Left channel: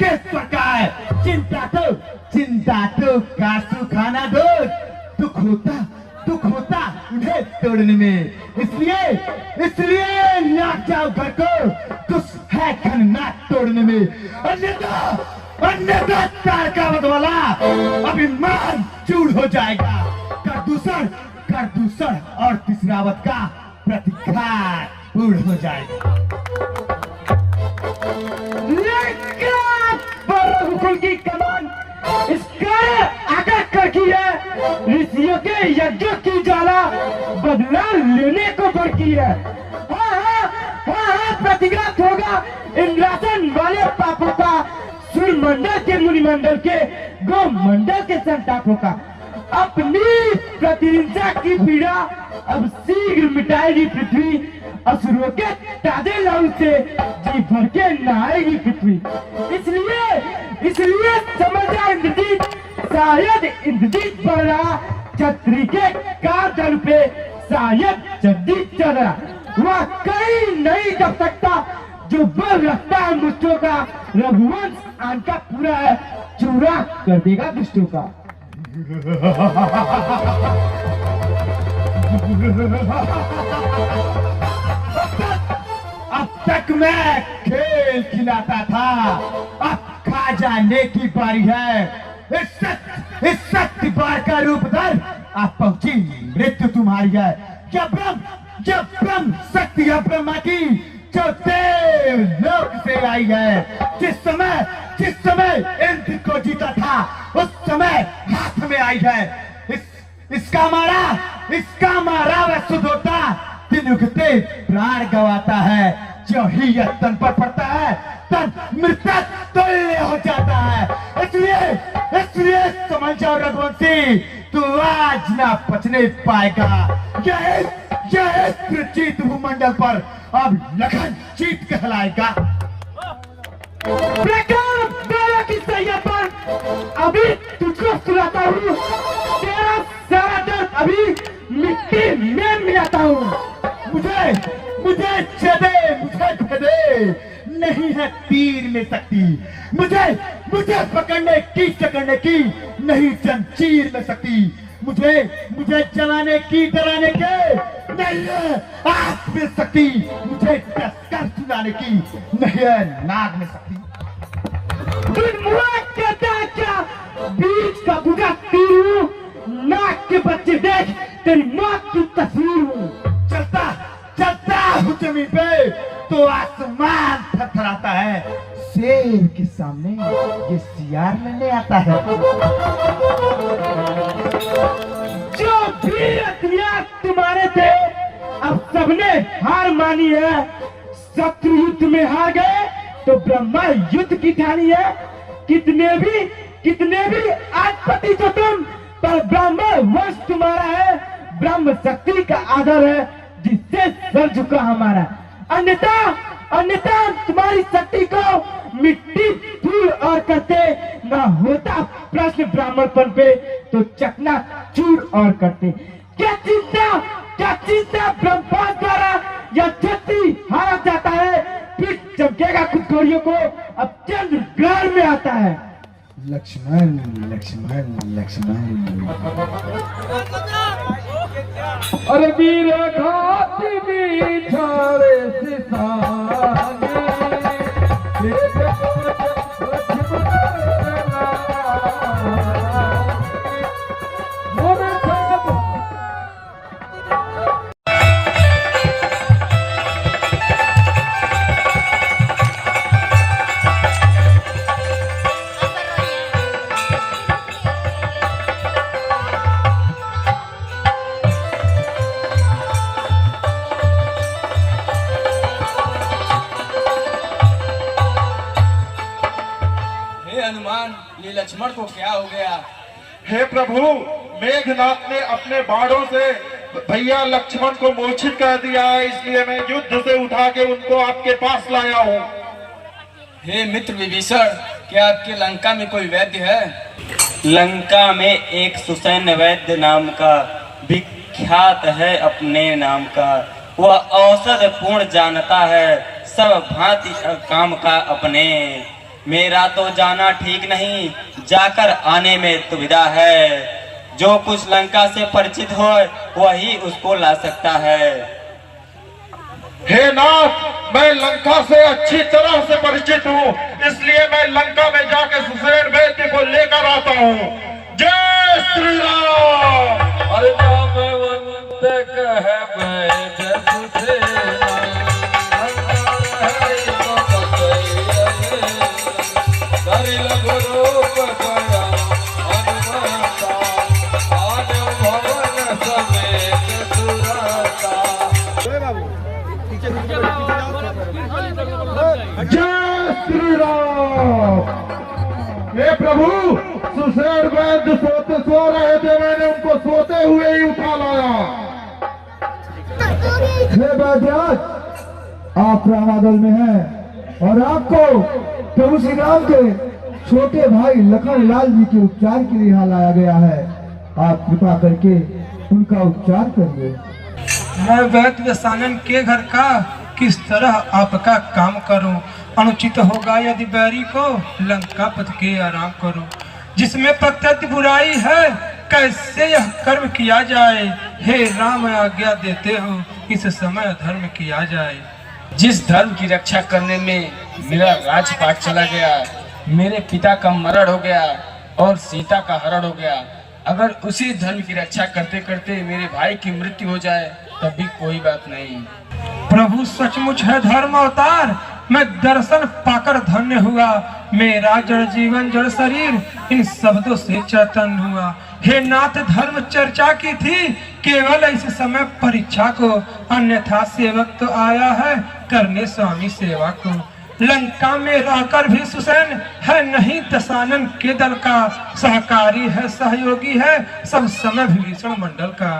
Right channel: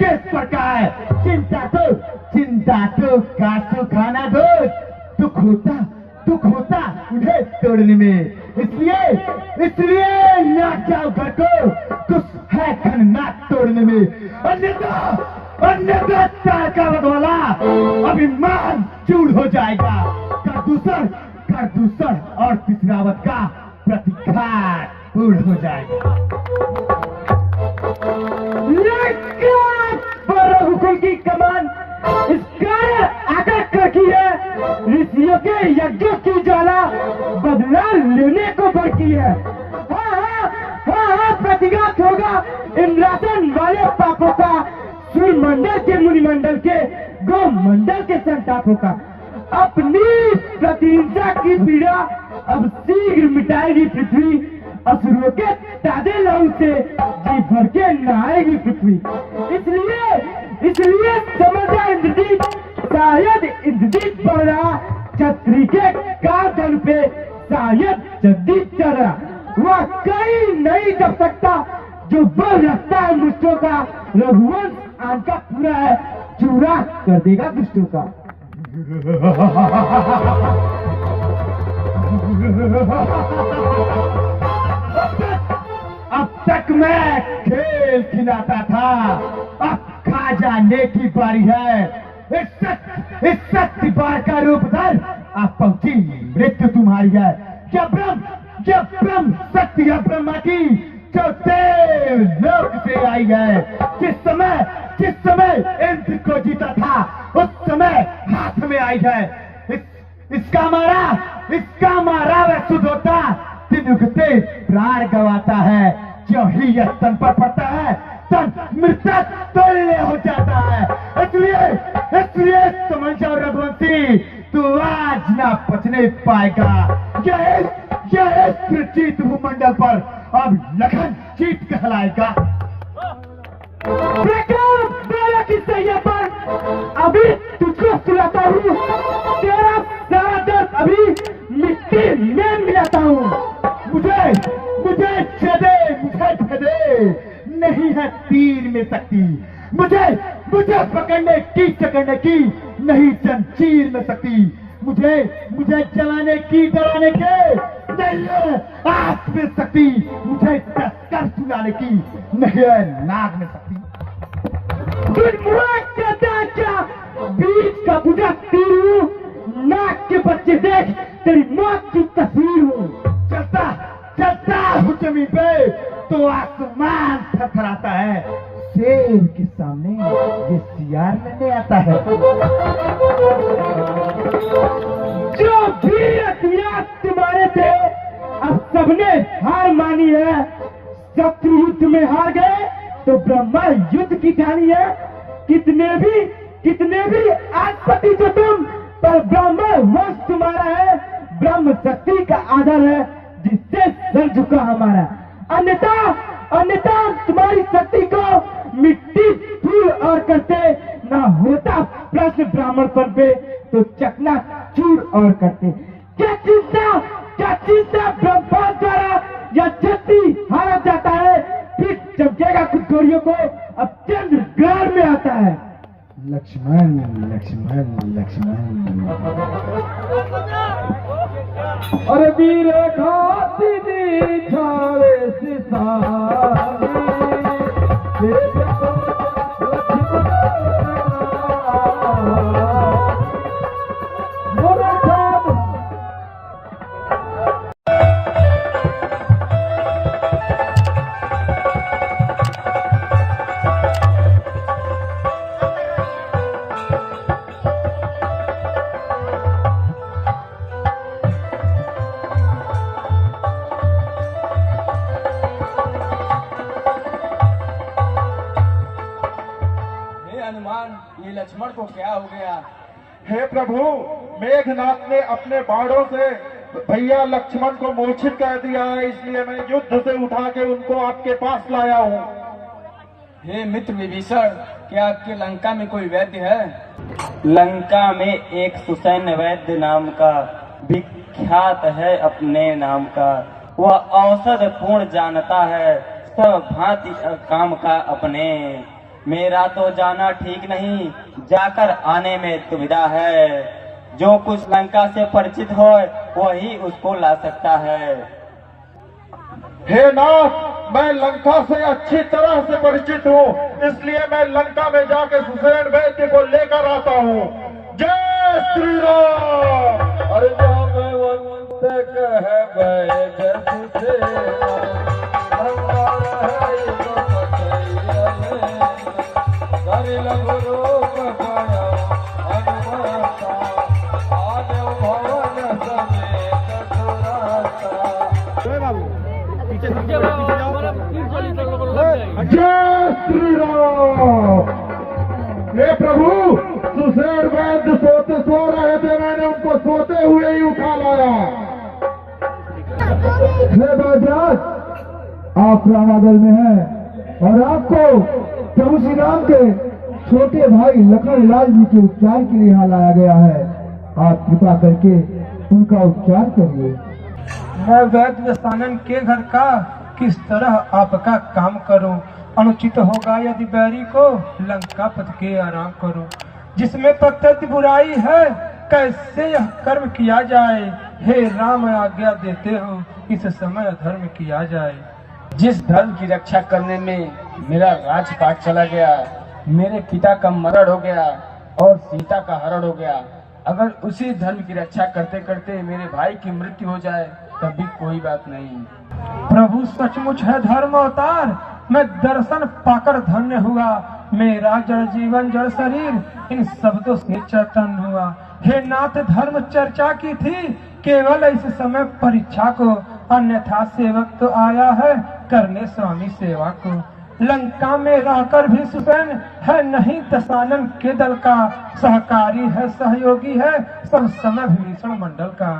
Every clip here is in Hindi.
लंकेश्वर का है। चिंता तो कासू खाना दो। दुख होता उन्हें तोड़ने में, इसलिए नाक जाओ घर को, कुछ है नाक तोड़ने में। अन्यथा तार का बदवाला अभिमान चूर हो जाएगा। कर दूसर और तीसरावत का प्रतिघात पूर्ण हो जाएगा। हुकुम की कमान इसका आगा करकी है। ऋषियों के यज्ञों की ज्वाला बदला लेने को बढ़ती है। हाँ, प्रतिघात होगा इंद्रासन वाले पापों का, सूर्य मंडल के, मुनि मंडल के, गौ मंडल के संतापों का। अपनी प्रतिहिंसा की पीड़ा अब शीघ्र मिटाएगी पृथ्वी। असुरों के ताजे लहू से जी भर के नहाएगी पृथ्वी। इसलिए समझा इंद्रजीत, शायद इंद्रजीत बढ़ रहा, छत्री के कांधे पे शायद जगदीत चढ़ रहा। वह कहीं नहीं दब सकता जो बल रखता है मुझको का। रघुवंश आन का पूरा है, चूरा कर देगा दुष्टों का। अब तक मैं खेल खिलाता था, अब खा जाने की बारी है। इस शक्ति बार का रूप धर, अब पहुंची मृत्यु तुम्हारी है। जब ब्रह्म शक्ति है ब्रह्मा की, जो देव लोक से आई है। जिस समय इंद्र को जीता था, उस समय हाथ में आई है। इसका मारा वह सुधोता, दिन उगते प्राण गवाता है। जो ही यह तन पर पड़ता है, तन मृतक तुल्य हो जाता है। इसलिए समझ जाओ रघुवंशी, तू आज ना बचने पाएगा। यह जीत भूमंडल पर अब लखन जीत कहलाएगा। अभी तुझको सुलाता हूँ, तेरा सारा दर्द अभी मिट्टी में मिलाता हूँ। मुझे छेदे नहीं है तीर में शक्ति। मुझे पकड़ने की नहीं जंजीर में शक्ति। मुझे जलाने की डराने के नहीं है आग में शक्ति। मुझे टक्कर सुनाने की नहीं है नाग में शक्ति। क्या बीच का बुझा तीर हूँ, नाक के बच्चे देख तेरी मौत की तस्वीर हूँ। चलता हूँ जमीन पे तो आसमान थरथराता है। शेर के सामने ये सियार लड़ने आता है। जो भी हथियार तुम्हारे थे अब सबने हार मानी है। शत्रु युद्ध में हार गए तो ब्रह्मा युद्ध की ठानी है। कितने भी आधिपति जो तुम, पर ब्रह्म वंश तुम्हारा है। ब्रह्म शक्ति का आदर है जिससे सर झुका हमारा। अन्यथा तुम्हारी शक्ति को मिट्टी धूल और करते, ना होता प्रश्न ब्राह्मणपन पे तो चकना चूर और करते। क्या चिंता ब्रह्मा द्वारा या छत्री हारा जाता है। फिर चमकेगा कुछ घोड़ियों को अब चंद्र ग्रहण में आता है। लक्ष्मण और वीर घाती बिछावे सितारे, ये लक्ष्मण को क्या हो गया? हे प्रभु, मेघनाथ ने अपने बाणों से भैया लक्ष्मण को मूर्छित कर दिया है, इसलिए मैं युद्ध से उठा के उनको आपके पास लाया हूँ। हे मित्र विभीषण, क्या आपके लंका में कोई वैद्य है? लंका में एक सुसैन्य वैद्य नाम का विख्यात है अपने नाम का। वह औषध पूर्ण जानता है, सब भांति काम का अपने। मेरा तो जाना ठीक नहीं, जाकर आने में दुविधा है। जो कुछ लंका से परिचित हो वही उसको ला सकता है। हे नाथ, मैं लंका से अच्छी तरह से परिचित हूँ, इसलिए मैं लंका में जाके सुसेन वैद्य को लेकर आता हूँ। जय श्री राम। अरे कह वैद्य सुसेना, जय श्री राम। हे प्रभु, सुसेन वैद्य सो रहे थे, मैंने उनको सोते हुए ही उठा लाया। हे वैद्यराज, आप रामादल में हैं और आपको प्रभु श्री राम के छोटे भाई लखन लाल जी के उपचार के लिए यहाँ लाया गया है। आप कृपा करके उनका उपचार करिए। मैं वैद्य दशानन के घर का किस तरह आपका काम करूं? अनुचित होगा यदि बैरी को लंका पथ के आराम करूं। जिसमें प्रत्यक्ष बुराई है, कैसे यह कर्म किया जाए? हे राम, आज्ञा देते हो इस समय धर्म किया जाए। जिस धर्म की रक्षा करने में मेरा राजपाट चला गया, मेरे पिता का मरण हो गया और सीता का हरण हो गया, अगर उसी धर्म की रक्षा करते करते मेरे भाई की मृत्यु हो जाए तब भी कोई बात नहीं। प्रभु सचमुच है धर्म अवतार, मैं दर्शन पाकर धन्य हुआ। मेरा जड़ जीवन जड़ शरीर इन शब्दों से चैतन्य हुआ। हे नाथ, धर्म चर्चा की थी केवल इस समय परीक्षा को, अन्यथा सेवक तो आया है करने स्वामी सेवा को। लंका में रहकर भी सुसेन है नहीं दशानन के दल का, सहकारी है सहयोगी है सब समय विभीषण मंडल का।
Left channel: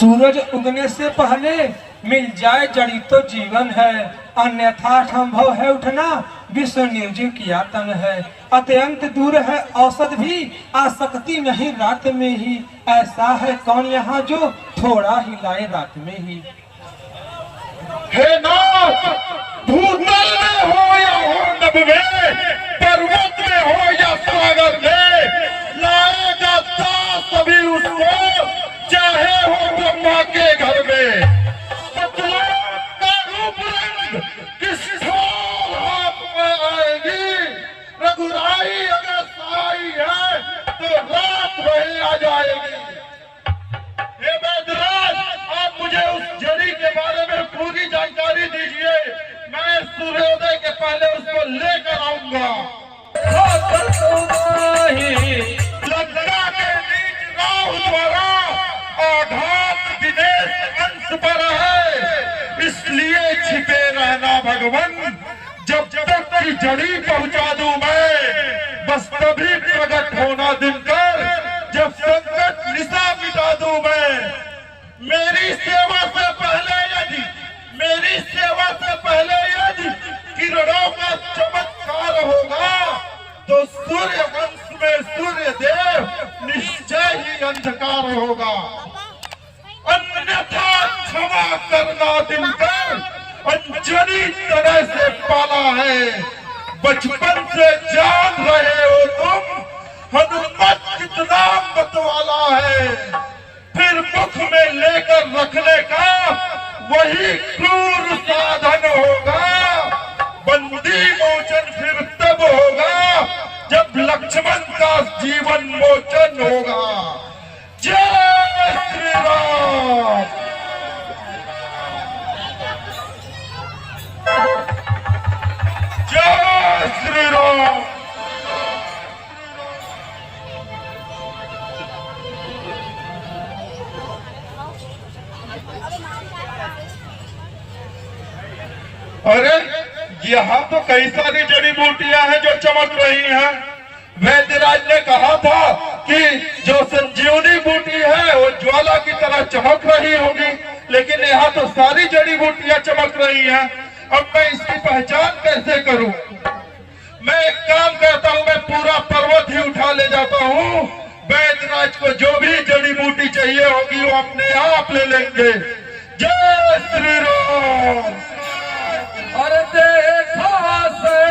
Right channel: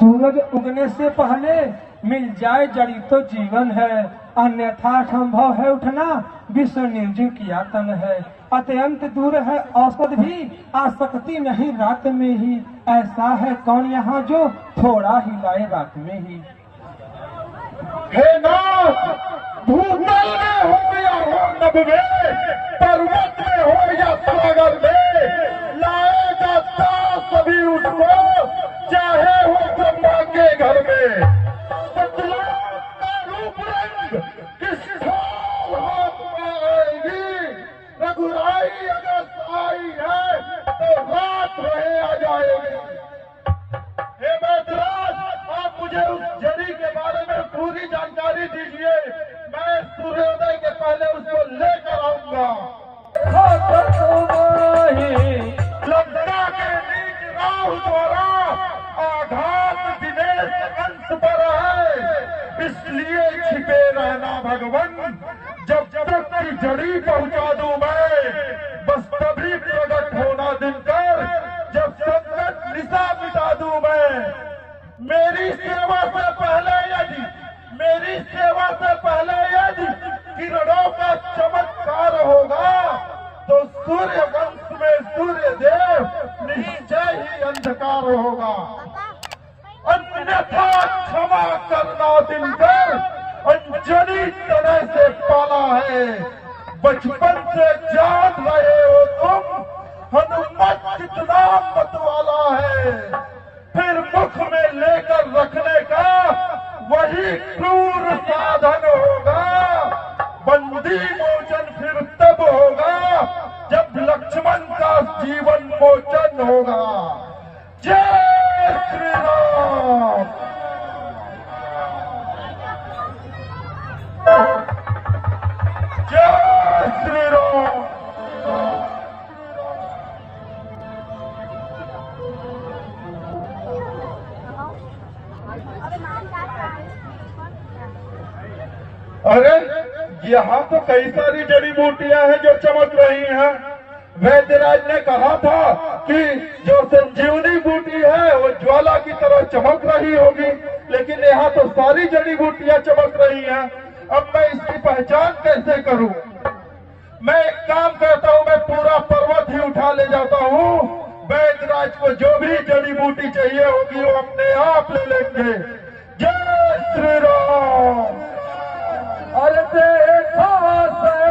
सूरज उगने से पहले मिल जाए जड़ी तो जीवन है, अन्यथा संभव है उठना विश्व निर्जीव किया तन है। अत्यंत दूर है औसत भी, आसक्ति नहीं रात में ही। ऐसा है कौन यहाँ जो थोड़ा हिलाए रात में ही। हे नाथ, भूतल में हो या हो नभ में, पर्वत में हो या सागर में, लाएगा दास सभी उसको, चाहे हो ब्रह्मा के घर में। सतलोक का रूप रंग किस साल हाथ में आएगी, रघुराई अगर सहाई है तो रात रहे आ जाएगी। हे वैद्यराज, आप मुझे उस जड़ी के बारे में पूरी जानकारी दीजिए, मैं सूर्योदय के पहले उसको लेकर आऊंगा। लंका के नीच राहु द्वारा आघात दिनेश अंश पर है, इसलिए छिपे रहना भगवान, जब तक की जड़ी पहुंचा दूं मैं, बस तभी प्रकट होना दिनकर, जब संकट निशा मिटा दूं मैं। मेरी सेवा से पहले यदि किरणों का चमत्कार होगा तो सूर्य वंश में सूर्य देव निश्चय ही अंधकार होगा, अन्यथा क्षमा करना दिनकर, अंजनी तरह से पाला है। बचपन से जान रहे हो तुम, हनुमत कितना मतवाला है, फिर मुख में लेकर रखने का वही क्रूर साधन होगा। बंदी मोचन फिर तब होगा जब लक्ष्मण का जीवन मोचन होगा। जय श्री राम। जय श्री राम। अरे यहाँ तो कई सारी जड़ी बूटियां हैं जो चमक रही हैं। वैद्यराज ने कहा था कि जो संजीवनी बूटी है वो ज्वाला की तरह चमक रही होगी, लेकिन यहाँ तो सारी जड़ी बूटियां चमक रही हैं। अब मैं इसकी पहचान कैसे करूं? मैं एक काम करता हूं, मैं पूरा पर्वत ही उठा ले जाता हूं। वैद्यराज को जो भी जड़ी बूटी चाहिए होगी वो अपने आप ले लेंगे। जय श्री राम। अरे देखा से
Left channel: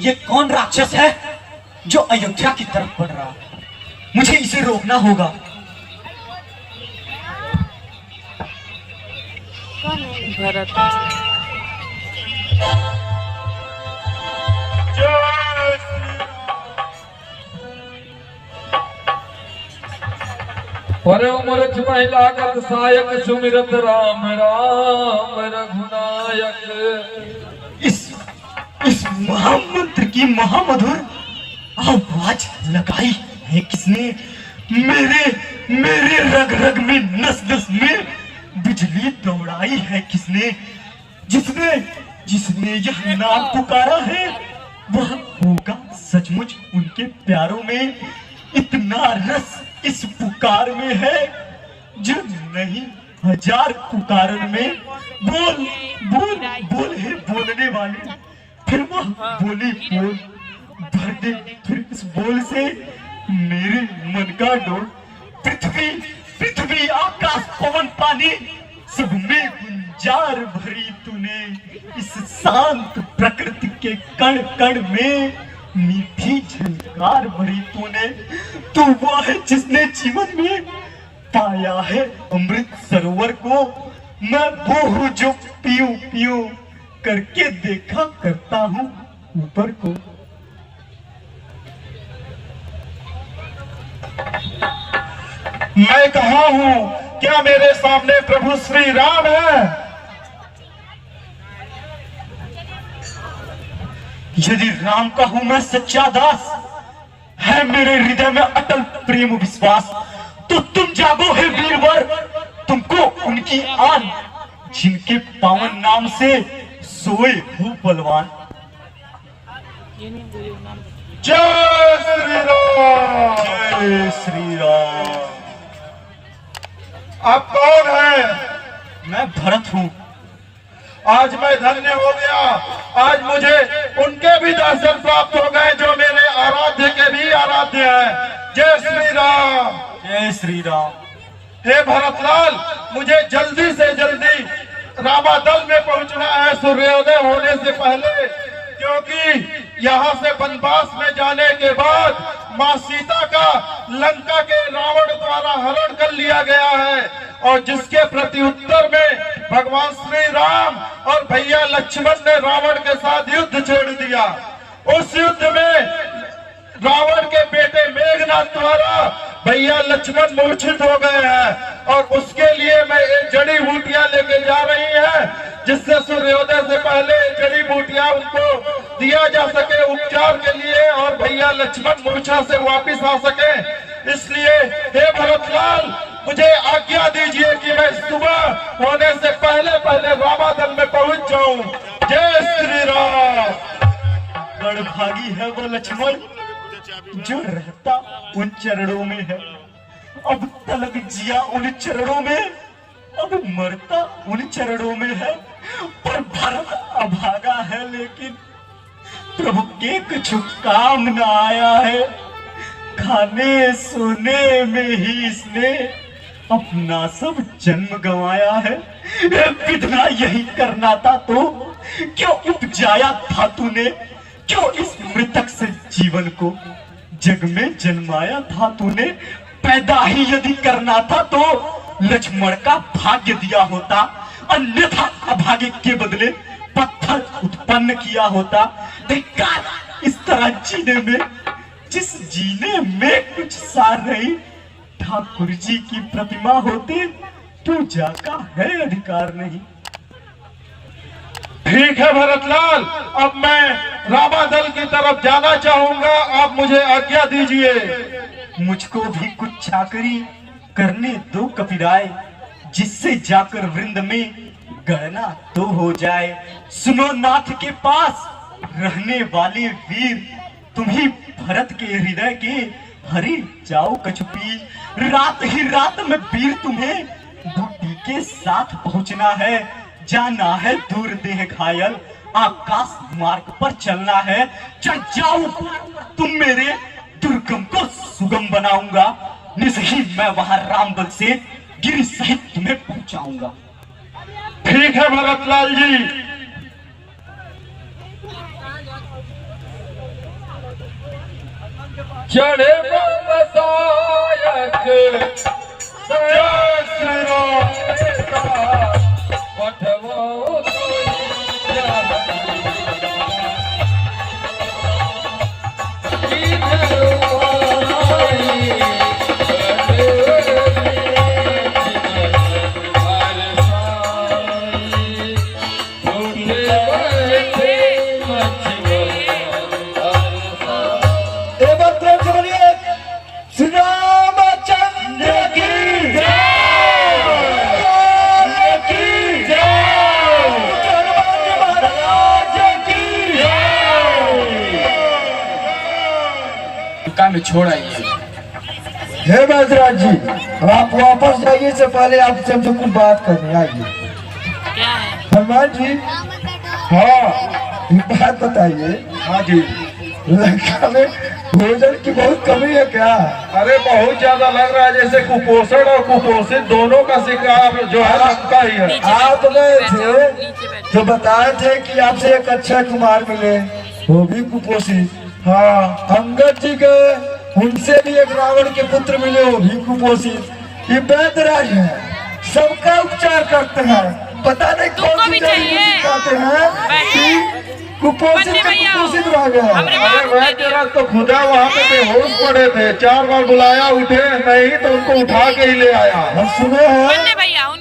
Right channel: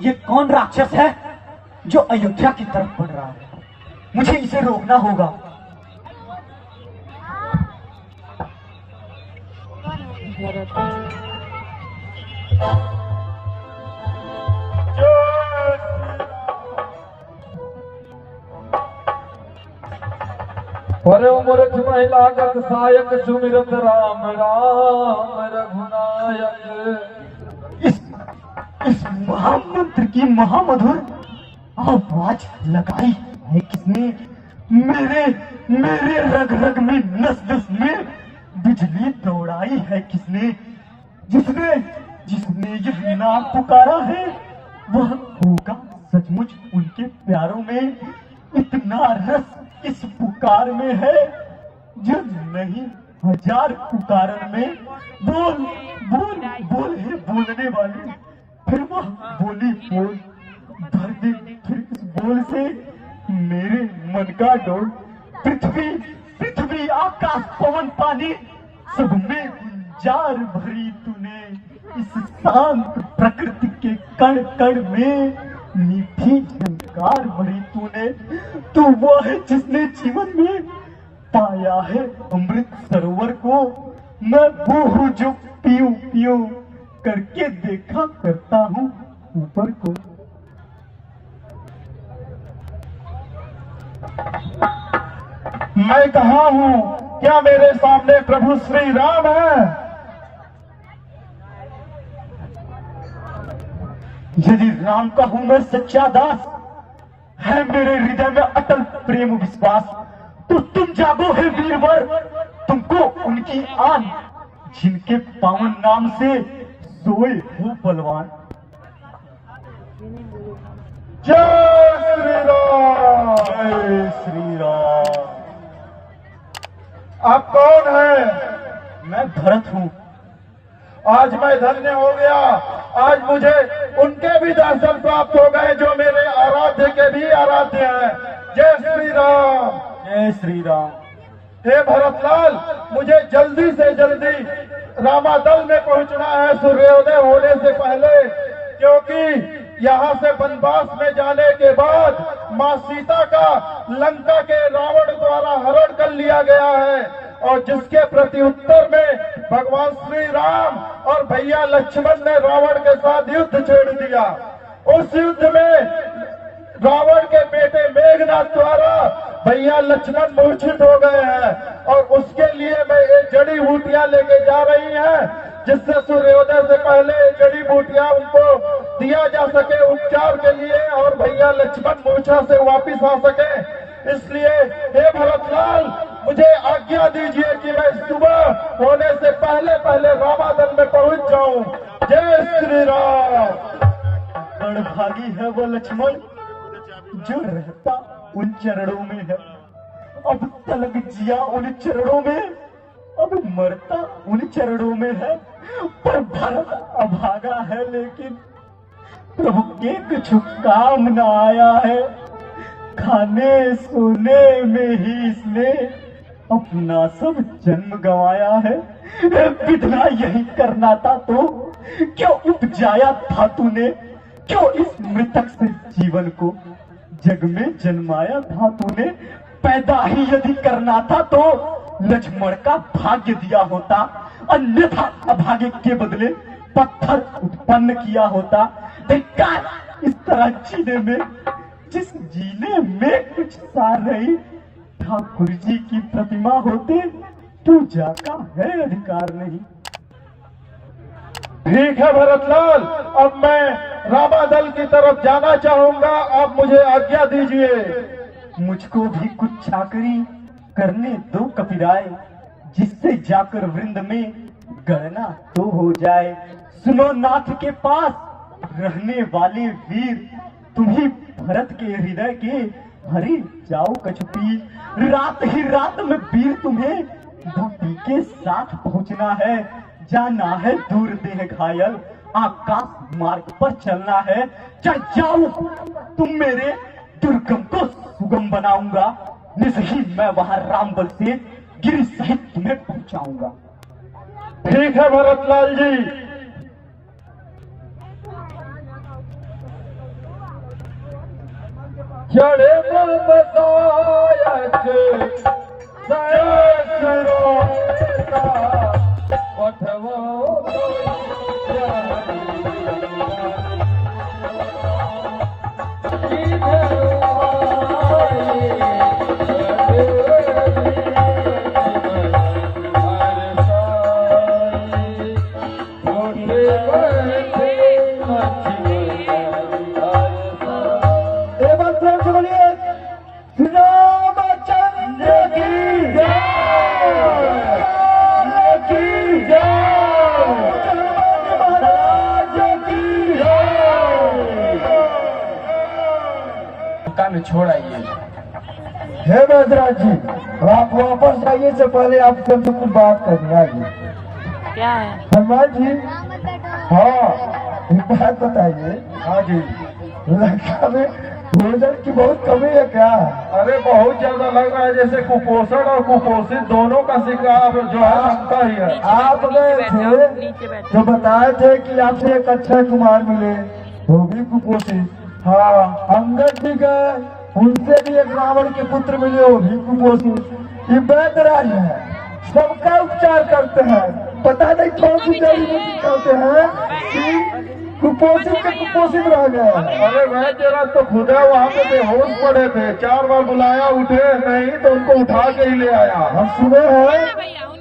ये कौन राक्षस है जो अयोध्या की तरफ बढ़ रहा है? मुझे इसे रोकना होगा। परे मूर्ख महिला गत सायक सुमिरत राम राम रघुनायक। इस महामंत्र की महामधुर आवाज लगाई है किसने? मेरे रग रग में नस नस में बिजली दौड़ाई है किसने? जिसने यह नाम पुकारा है वह होगा सचमुच उनके प्यारों में। इतना रस इस पुकार में है जो नहीं हजार पुकारन में। बोल बोल बोल है बोलने वाली, फिर वह बोली बोल भर दे फिर इस बोल से मेरे मन का डोल। पृथ्वी आकाश पवन पानी सब में गुंजार भरी तूने। इस शांत प्रकृति के कण कण में मीठी झंकार भरी तूने। तू वो है जिसने जीवन में पाया है अमृत सरोवर को। मैं वो हूँ जो पीऊं पीऊं करके देखा करता हूँ ऊपर को। मैं कहा हूँ? क्या मेरे सामने प्रभु श्री राम है? यदि राम का हूं मैं सच्चा दास, है मेरे हृदय में अटल प्रेम विश्वास, तो तुम जागो है वीरवर। तुमको उनकी आन जिनके पावन नाम से सोए हो बलवान। जय श्री राम। जय श्री राम। आप कौन है? मैं भरत हूँ। आज मैं धन्य हो गया। आज मुझे उनके भी दर्शन प्राप्त हो गए जो मेरे आराध्य के भी आराध्य हैं। जय श्री राम। जय श्री राम। हे भरतलाल, मुझे जल्दी से जल्दी रामादल में पहुंचना है सूर्योदय होने से पहले, क्योंकि यहाँ से वनवास में जाने के बाद माँ सीता का लंका के रावण द्वारा हरण कर लिया गया है, और जिसके प्रति उत्तर में भगवान श्री राम और भैया लक्ष्मण ने रावण के साथ युद्ध छेड़ दिया। उस युद्ध में रावण के बेटे मेघनाथ द्वारा भैया लक्ष्मण मूर्छित हो गए हैं, और उसके लिए मैं एक जड़ी बूटियां लेके जा रही है, जिससे सूर्योदय से पहले जड़ी बूटियां उनको दिया जा सके उपचार के लिए, और भैया लक्ष्मण मूर्छा से वापिस आ सके। इसलिए हे भरतलाल, मुझे आज्ञा दीजिए कि मैं सुबह होने से पहले पहले रामादल में पहुंच जाऊं। जय श्री राम। रणभागी है वो लक्ष्मण जो रहता उन चरणों में है। अब तलक जिया उन चरणों में, अब मरता उन चरणों में है। पर भरत अभागा है, लेकिन प्रभु के कुछ काम न आया है। खाने सोने में ही इसने अपना सब जन्म गंवाया है। विधना यही करना था तो क्यों उपजाया था तूने? क्यों इस मृतक से जीवन को जग में जन्माया था तूने? पैदा ही यदि करना था तो लक्ष्मण का भाग्य दिया होता, अन्यथा अभागे के बदले पत्थर उत्पन्न किया होता। धिक्कार इस तरह जीने में, जिस जीने में कुछ सार नहीं। ठाकुर जी की प्रतिमा होते तू जाका है अधिकार नहीं। ठीक है भरतलाल, अब मैं रामादल की तरफ जाना चाहूंगा, आप मुझे आज्ञा दीजिए। मुझको भी कुछ चाकरी करने दो कपिराय, जिससे जाकर वृंद में गणना तो हो जाए। सुनो नाथ के पास रहने वाले वीर, तुम्ही भरत के हृदय के हरि जाओ कछुपी। रात ही रात में वीर तुम्हें बूटी के साथ पहुंचना है। जाना है दूर देह घायल, आकाश मार्ग पर चलना है। चढ़ जाओ तुम मेरे दुर्गम को सुगम बनाऊंगा। निज ही मैं वहां रामबल से गिरी सहित तुम्हें पहुंचाऊंगा। ठीक है भरतलाल जी। चढ़े बसायक पठवो एक बार प्रेम से बोलिए श्री रामचंद्र की जय हनुमान महाराज की लंका में छोड़ आइए। हे बैजराज जी, आप वापस जाइए से पहले आपसे हमसे कुछ बात करनी आइए। क्या है? हनुमान जी, हाँ एक बात बताइए। हाँ जी। लंका में भोजन की बहुत कमी है क्या? अरे बहुत ज्यादा लग रहा है जैसे कुपोषण और कुपोषित दोनों का शिकार जो है लंका ही है। आप गए थे जो बताए थे कि आपसे एक अक्षय कुमार मिले, वो भी कुपोषित। हाँ, अंगद जी गए, उनसे भी एक रावण के पुत्र मिले, वो भी कुपोषित। ये बैदराज है, सबका उपचार करते हैं, पता नहीं कौन सी जड़ी बूटी खाते हैं कि कुपोषित से कुपोषित रह गए। अरे वह तेरा तो खुदा वहाँ पे बेहोश पड़े थे, 4 बार बुलाया उठे नहीं तो उनको उठा के ही ले आया। हम सुने हैं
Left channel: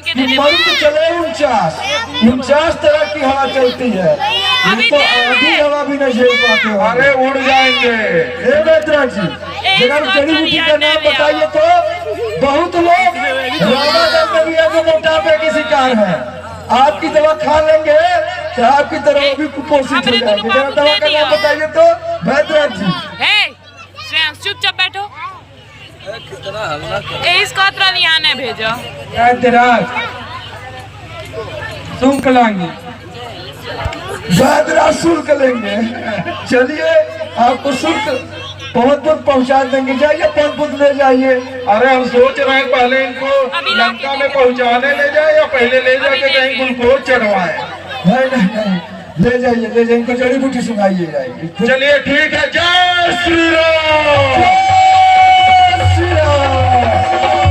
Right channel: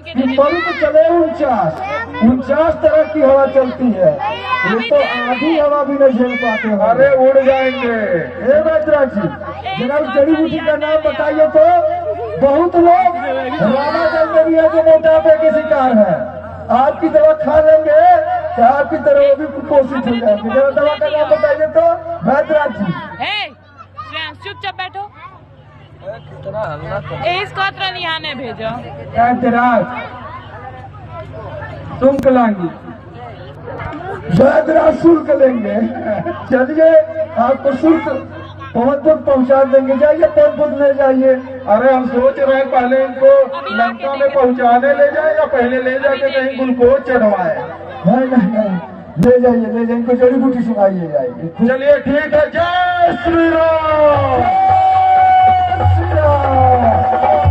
कि मरुत चले 49 तरह की हवा चलती है, ये तो आधी हवा भी नहीं झेल पाते हो। अरे उड़ जाएंगे। हे बैजनाथ जी, जरा जड़ी बूटी का नाम बताइए तो। बहुत लोग रामागढ़ में भी है जो मोटापे के शिकार है, आपकी दवा खा लेंगे तो आपकी तरह वो भी कुपोषित हो जाएंगे। जरा दवा का नाम बताइए तो बैजनाथ जी। श्रेयांश चुपचाप बैठो। इसको अतरा लियाने भेजो। बैजराज तुम कलाएंगे। बैजनाथ शुल्क लेंगे। चलिए आपको शुल्क पवनपुर पहुंचा देंगे, जाइए पवनपुर ले जाइए। अरे हम सोच रहे हैं पहले इनको लंका में पहुँचाने ले जाए या पहले ले जाके कहीं ग्लूकोज चढ़वाए। नहीं, ले जाइए इनको जड़ी बूटी सुनाइए जाएगी। चलिए ठीक है। जय श्री राम। जय श्री राम।